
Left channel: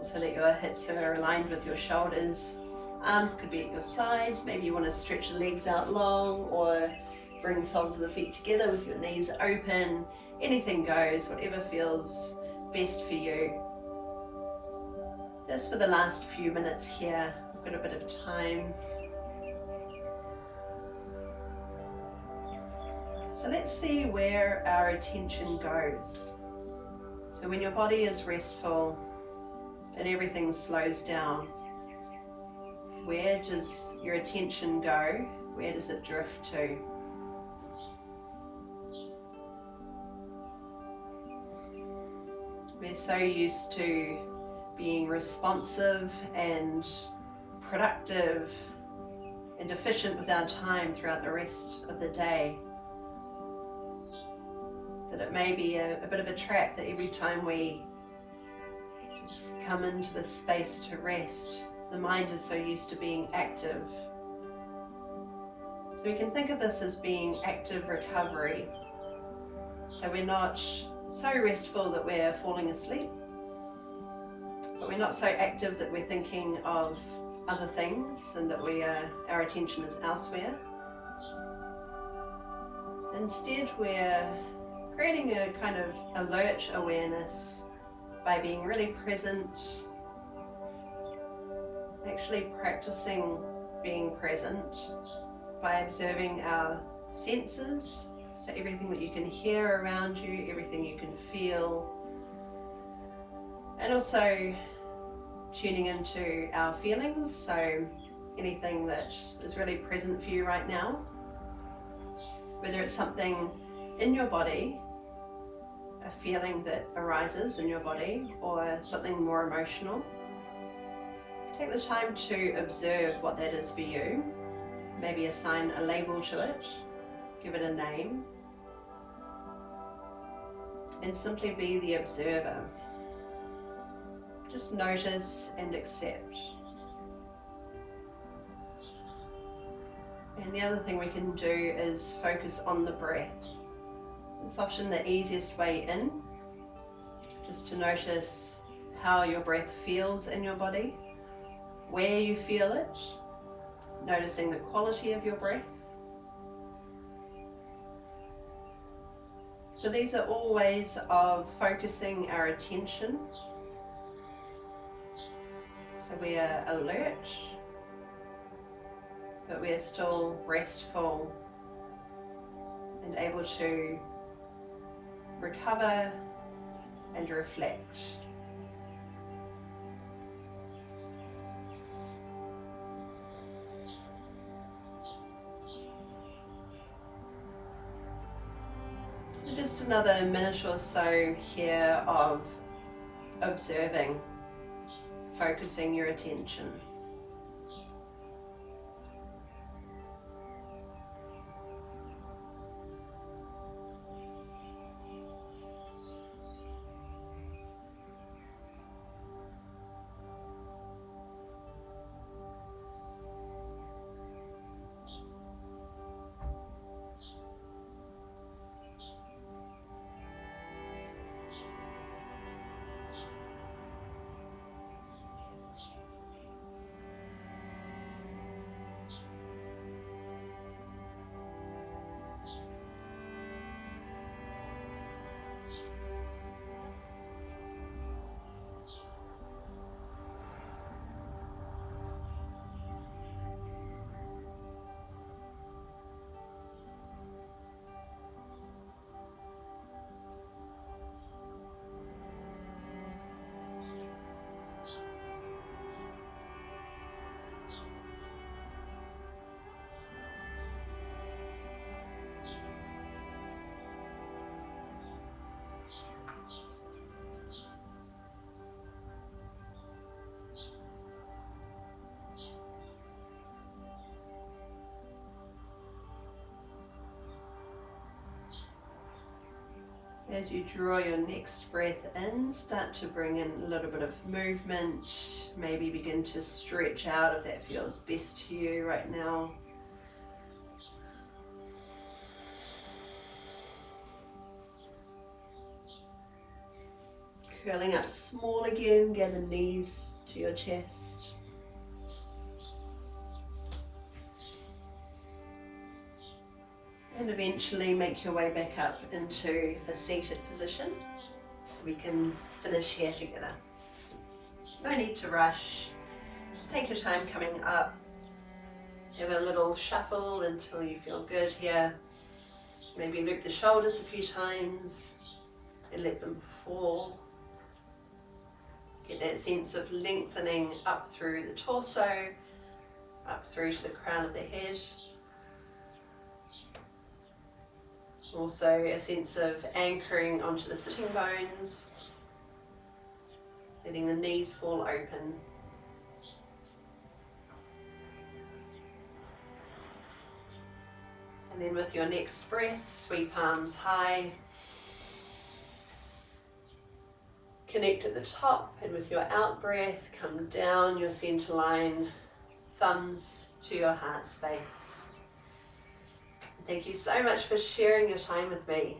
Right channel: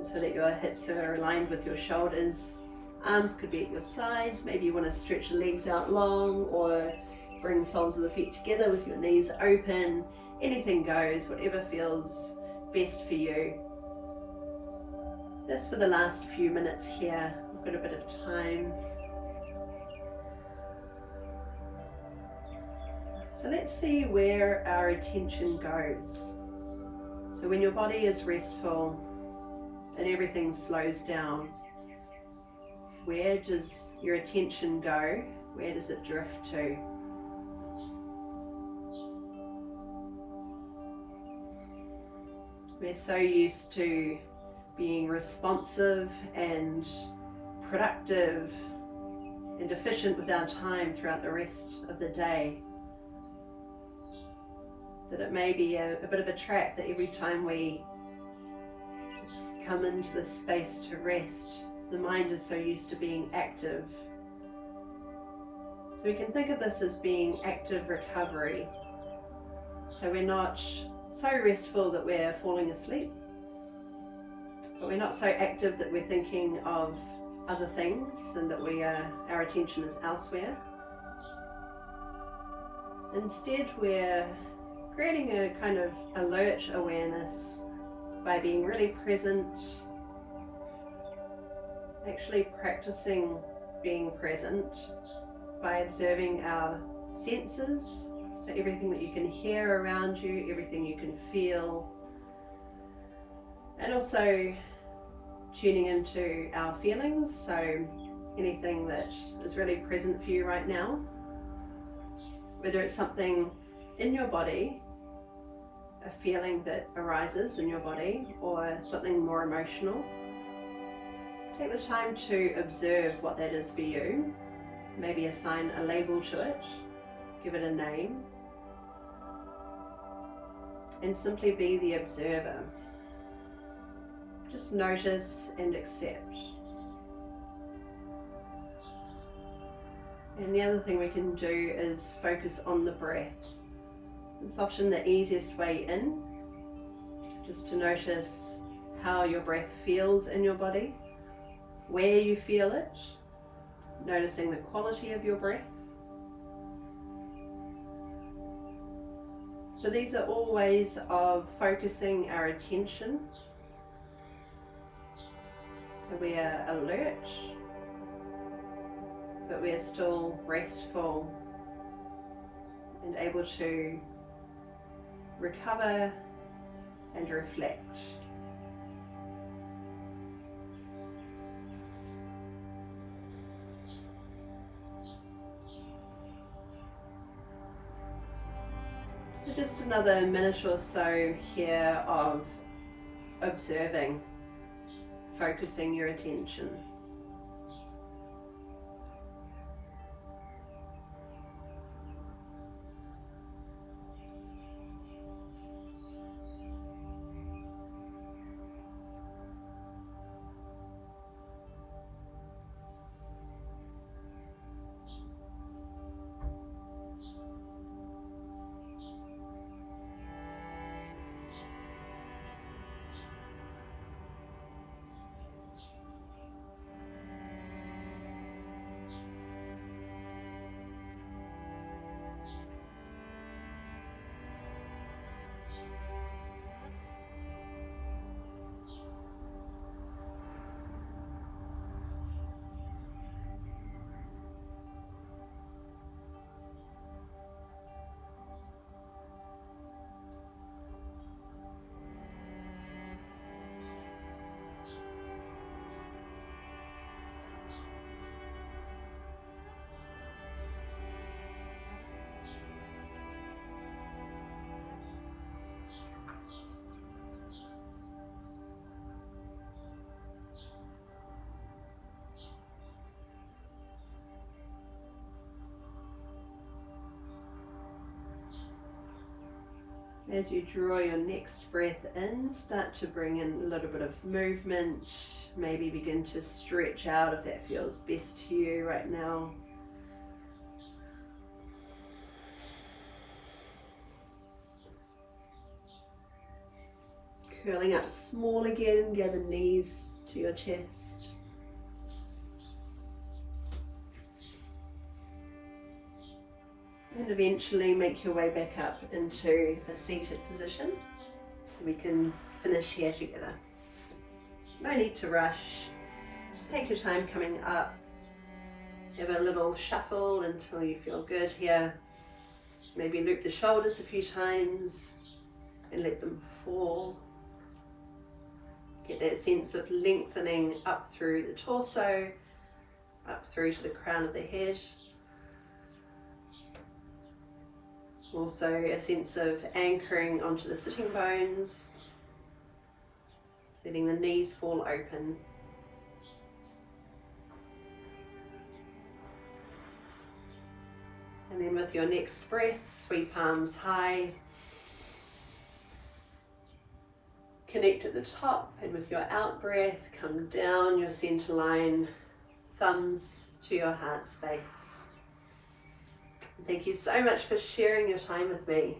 so that your hips are aligned with your shoulders. Arms could be at your sides. Maybe you want to stretch the legs out long, or bring soles of the feet together with your knees open. Anything goes, whatever feels best for you. Just for the last few minutes here, we've got a bit of time. So let's see where our attention goes. So when your body is restful and everything slows down, where does your attention go? Where does it drift to? We're so used to being responsive and productive and efficient with our time throughout the rest of the day, that it may be a bit of a trap that every time we just come into this space to rest, the mind is so used to being active. So we can think of this as being active recovery. So we're not so restful that we're falling asleep, but we're not so active that we're thinking of other things and that our attention is elsewhere. Instead, we're creating a kind of alert awareness by being really present, actually practicing being present by observing our senses. So everything that you can hear around you, everything you can feel, and also tuning into our feelings, so anything that is really present for you right now, whether it's something in your body, a feeling that arises in your body, or something more emotional. Take the time to observe what that is for you, maybe assign a label to it, give it a name, and simply be the observer. Just notice and accept. And the other thing we can do is focus on the breath. It's often the easiest way in, just to notice how your breath feels in your body, where you feel it, noticing the quality of your breath. So these are all ways of focusing our attention. So we are alert, but we are still restful and able to recover and reflect. So just another minute or so here of observing, focusing your attention. As you draw your next breath in, start to bring in a little bit of movement. Maybe begin to stretch out if that feels best to you right now. Curling up small again, gather knees to your chest. And eventually make your way back up into a seated position so we can finish here together. No need to rush, just take your time coming up. Have a little shuffle until you feel good here. Maybe loop the shoulders a few times and let them fall. Get that sense of lengthening up through the torso, up through to the crown of the head. Also a sense of anchoring onto the sitting bones, letting the knees fall open. And then with your next breath, sweep palms high. Connect at the top, and with your out breath, come down your center line, thumbs to your heart space. Thank you so much for sharing your time with me.